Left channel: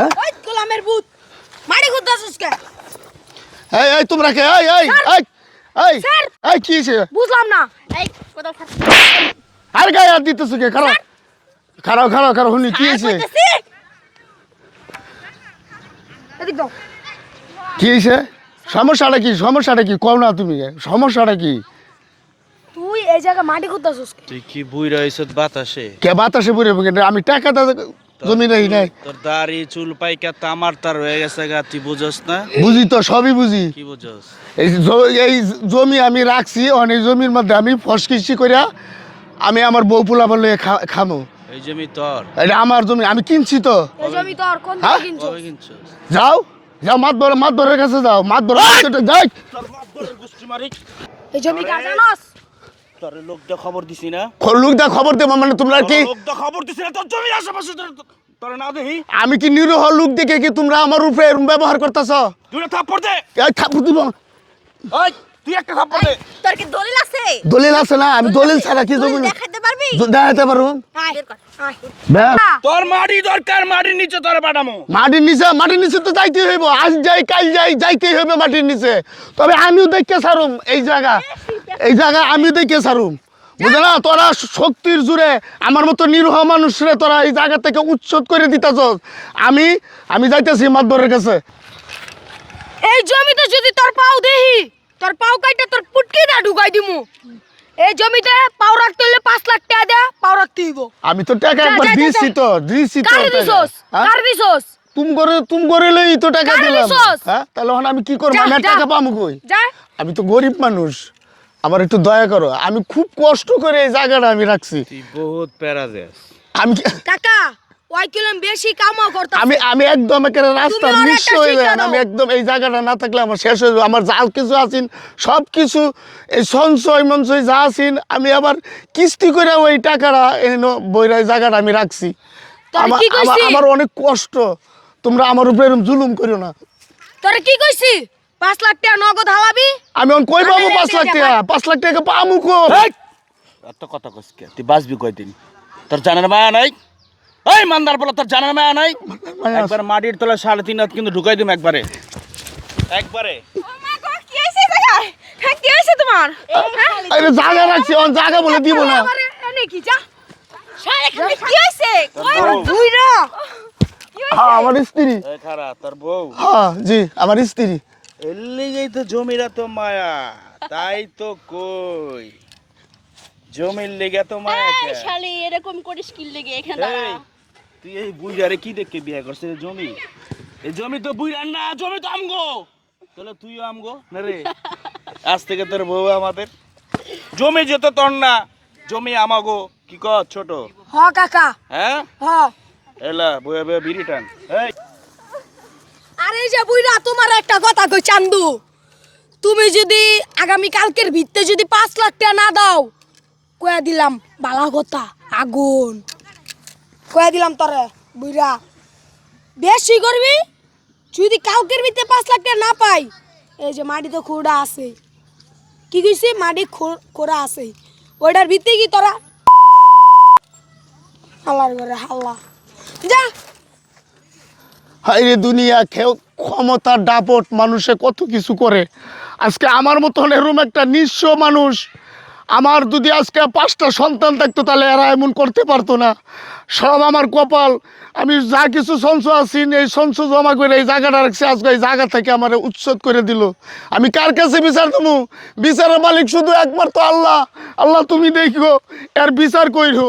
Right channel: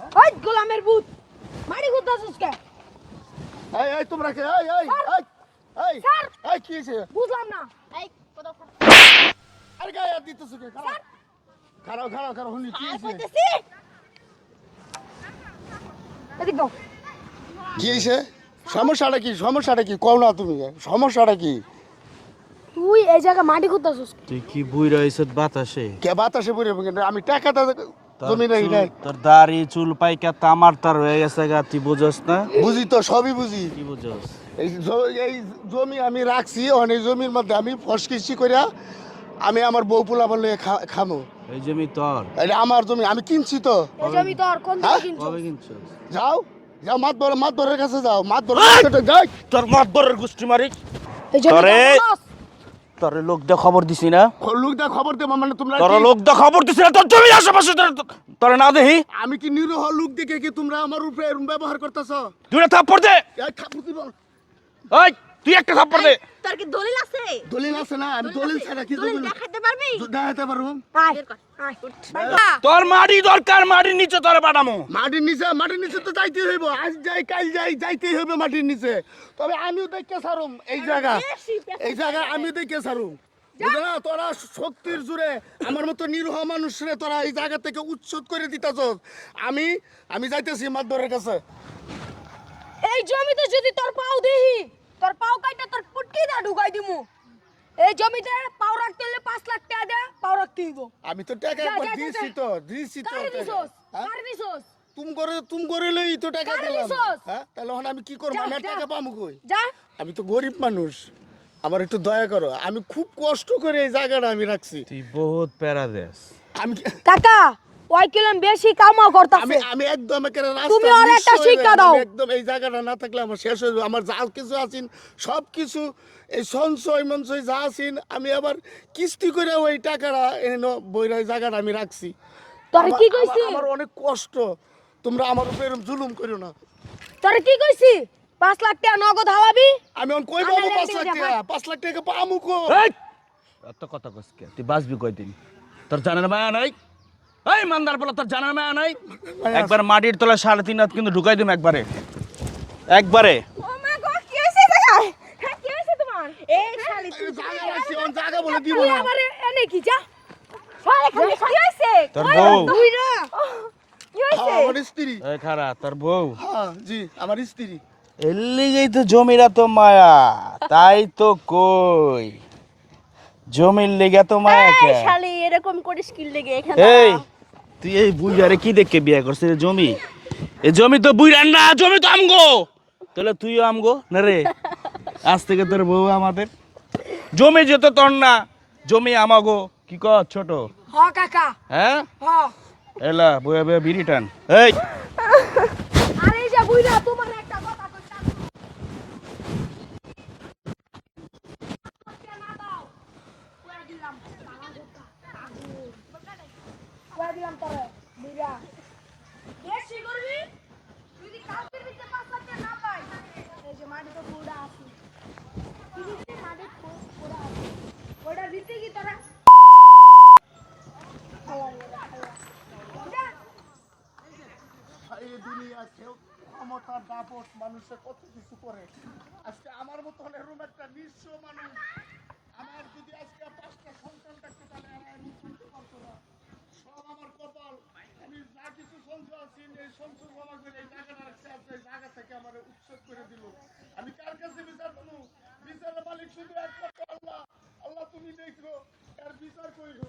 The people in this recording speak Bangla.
হ্যাঁ ওই গোলামের ভূত মারি খুঁজতাছিস কে? এই তোমরা কে এই স্যার! এই কি হইছে বুঝলাম না। এই কোথাও আর গায়ে হাত দিতেছ কে খারাপ শুনি কি হইছে এদিক দাও। কি হইছে সমস্যাটা কি কও না তুমি সমস্যাটা কি তুই এই জায়গা মাটি খুঁজতাছিস কে? তুই কি বুইরা হইছত বাতাসে? কে বাতাসে পড়ে আমি টাকাটা জমি নাই নাই তোর দাড়ি চুল পাইকা তামার তার হয়ে গেছে গা, তুই বুঝস না? বুঝি তো সবই বুঝি কি বুঝস? এই জমি আমি রাখছি অনেক জমির মধ্যে আমি ফসকিসি করিয়া আমি আমার বউ পোলা বলে খামো এই জমি তোর? এটা আমার জমি আমি কিনছি তো এই জমি তোর কোন হ্যাঁ? দিকে কিনছিস? কবে কিনছস? যাও মাতবরের কাছে যাও যাই তোর মাতবরের গুষ্টি মারি। এই জমি তোরে- তোর নাস। তোর লোক দা খবর দিছি না? লোক দা খবর দেবো মানে তোমরা তোর কি লোক দা খবর দিছি না? তোর জমি আশেপাশে তোর না দেখি? আমি কি নিরীহ লোক দেখে কি তোমরা আমার উপরে এরম ব্যবহার করতেছ তুই একটা থাপ্পড় দে। এই থাপ্পড় দিব ওই তুই একটা থাপ্পড় দে। তোর কি দলিল আছে? দলিল আছে না আমি দলিল ছাড়া কি জমি দেখাইতে পারবি? দেখাতে পারো আয় আয়। ব্যাস। তোর মাটি দরকার, মাটির নিচে তোর পাঠামো। মাটির নিচে তো যাইতে হইব আজ যাই কাল যাই যাইতেই হইবে মাটির নিচে তবে আমিও দেখে সারুম এই জায়গা আমিও দেখে সারুম বুঝে না তোরা শক্তির জুড়ে আমার মতো নিরীহ মানুষরে তোরা এই জায়গা থেকে উচ্ছেদ করে দিতেছ আমি যাইতেছি মাতবরের কাছে এই জমিতে যদি তোর পাও দেহি তোর পাও কাইটা তোর পুটকি দা ঢুকাই দিমু। এই জমিতে পাও রাখতে হলে 5 লাখ টাকা দে পাও রাখতে হইব। আমি তো টাকা একবার যা, যা, দিছি যা। তো দিছি তো কার টাকা। দিছস? হ্যাঁ? কার দিছস? তুম করে লই তো টাকা কার দিলাম দিছস? হ্যাঁ তাহলে এখন আমি কি করব যা, আমি আর যা। টাকা পাবো কই যা। আমি তো গরিব মানুষ আমার একটু দয়া করো আমি খুব কষ্ট করে এই জায়গাটা আমি রাখছি তুই বহুত প্যারা দেস। আমি কাকা ওই কিলম বেশি কামাও করতা। আমি একদম একেবারে রাস্তা তুমি ওর নিঃস্ব একটা হয়ে শিক্ষা যাই দাও। আমি একদম এই জায়গাটা না থাকলে আমার শেষ হয়ে যাবে আমার যা কিছু আছেন সব কিছু এই সঞ্চয় মঞ্চয় যা আছেন আমি আবার কিস্তি করে ওই টাকাটা বইরা এই জায়গাটা আমি রাখছি তোরে কি কইছি? আমার অনেক কষ্ট তোমরা আমার উপরে এরকম জুলুম করো না তোরে কি কইছি? 5 লাখ টাকা নগদ হালাবি? আমি এখন কই পাবো আমি 5 লাখ রেখে টাকা 5 লাখ টাকা পামু কো এত কথা কস কে? তুই বাঁচবি কয়দিন? তোর জানার মায়া নাই? এই মান্দার বলা তোর জানার মায়া নাই? একবার মাটির তলা 3.5 হাত কিন্তু ঢুকাই দিম একবারে। ও মা গো কি হইছে জায়গায়? হ্যাঁ কি হইছে তোমার? এই খালি আরে জায়গা রাখছি অন জায়গা বলে দিব না আরে এনে কি যা? সারে খালি কি হইছে? তোর কই বউ। বুইরা? কি হইছে? হ্যাঁ আমার স্ত্রী এই খারা তোর বউ। হ্যাঁ জি আমার স্ত্রী এলিগেই তো জমিরা তো মায়া, তাই তো কই জমির লেগে তো মায়া কে? এই শালি এরকম করিস কি লেগে এখানে? এই তুই এই বুইড়ারে কি দেখে বিয়ে করছিস? জমি এই জমি তো বুইড়ার না, জমি তো আমগো। তাহলে তুইও আমগো না রে? আজ থেকে তোর বউ আমাদের, জমি যেত তোর না, জমি আমাগো। কি কর ছোট? হ কাকা হ্যাঁ হ। এলা বয়ে বয়ে বিড়ি টান। এই আরে এই যে বুইরা তোমার একটা কথা কই চান্দু, তুমি যদি আগামী কালকের ভিত্তে যদি 5 লাখ টাকা না দাও কয়া দিলাম বালা কথা আগুন কয়া দিলাম তোরে বুইরা বেশি করবি যদি কালকের ভিত্তে 5 লাখ টাকা না পাই এই যে মাটি তো খোড়া আছে কি কইছি মাটি খোড়া আছে ওইটার ভিত্তে কি তোরা হাল্লার করে হাল্লা যা হাইরে দুনিয়া ক্ষমতার দাপট মানুষে কত কিছু করে আজকে আমার মতন এরকম একটা নিঃস্ব মানুষ আমার যদি আজকে 5টা সন্তান থাকতো তাহলে এরা এমন করতে পারতো না সব আমার কপাল আমি যা কিছু সঞ্চয় আছি এই সঞ্চয় জমা করে এই জায়গাটা রাখছি আজকে এই জায়গা থেকে আমার উচ্ছেদ করে দিল আমি কার কাছে বিচার দেবো বিচারের মালিক শুধু একমাত্র আল্লাহ আল্লাহ তুমি দেখো এর বিচার কইরো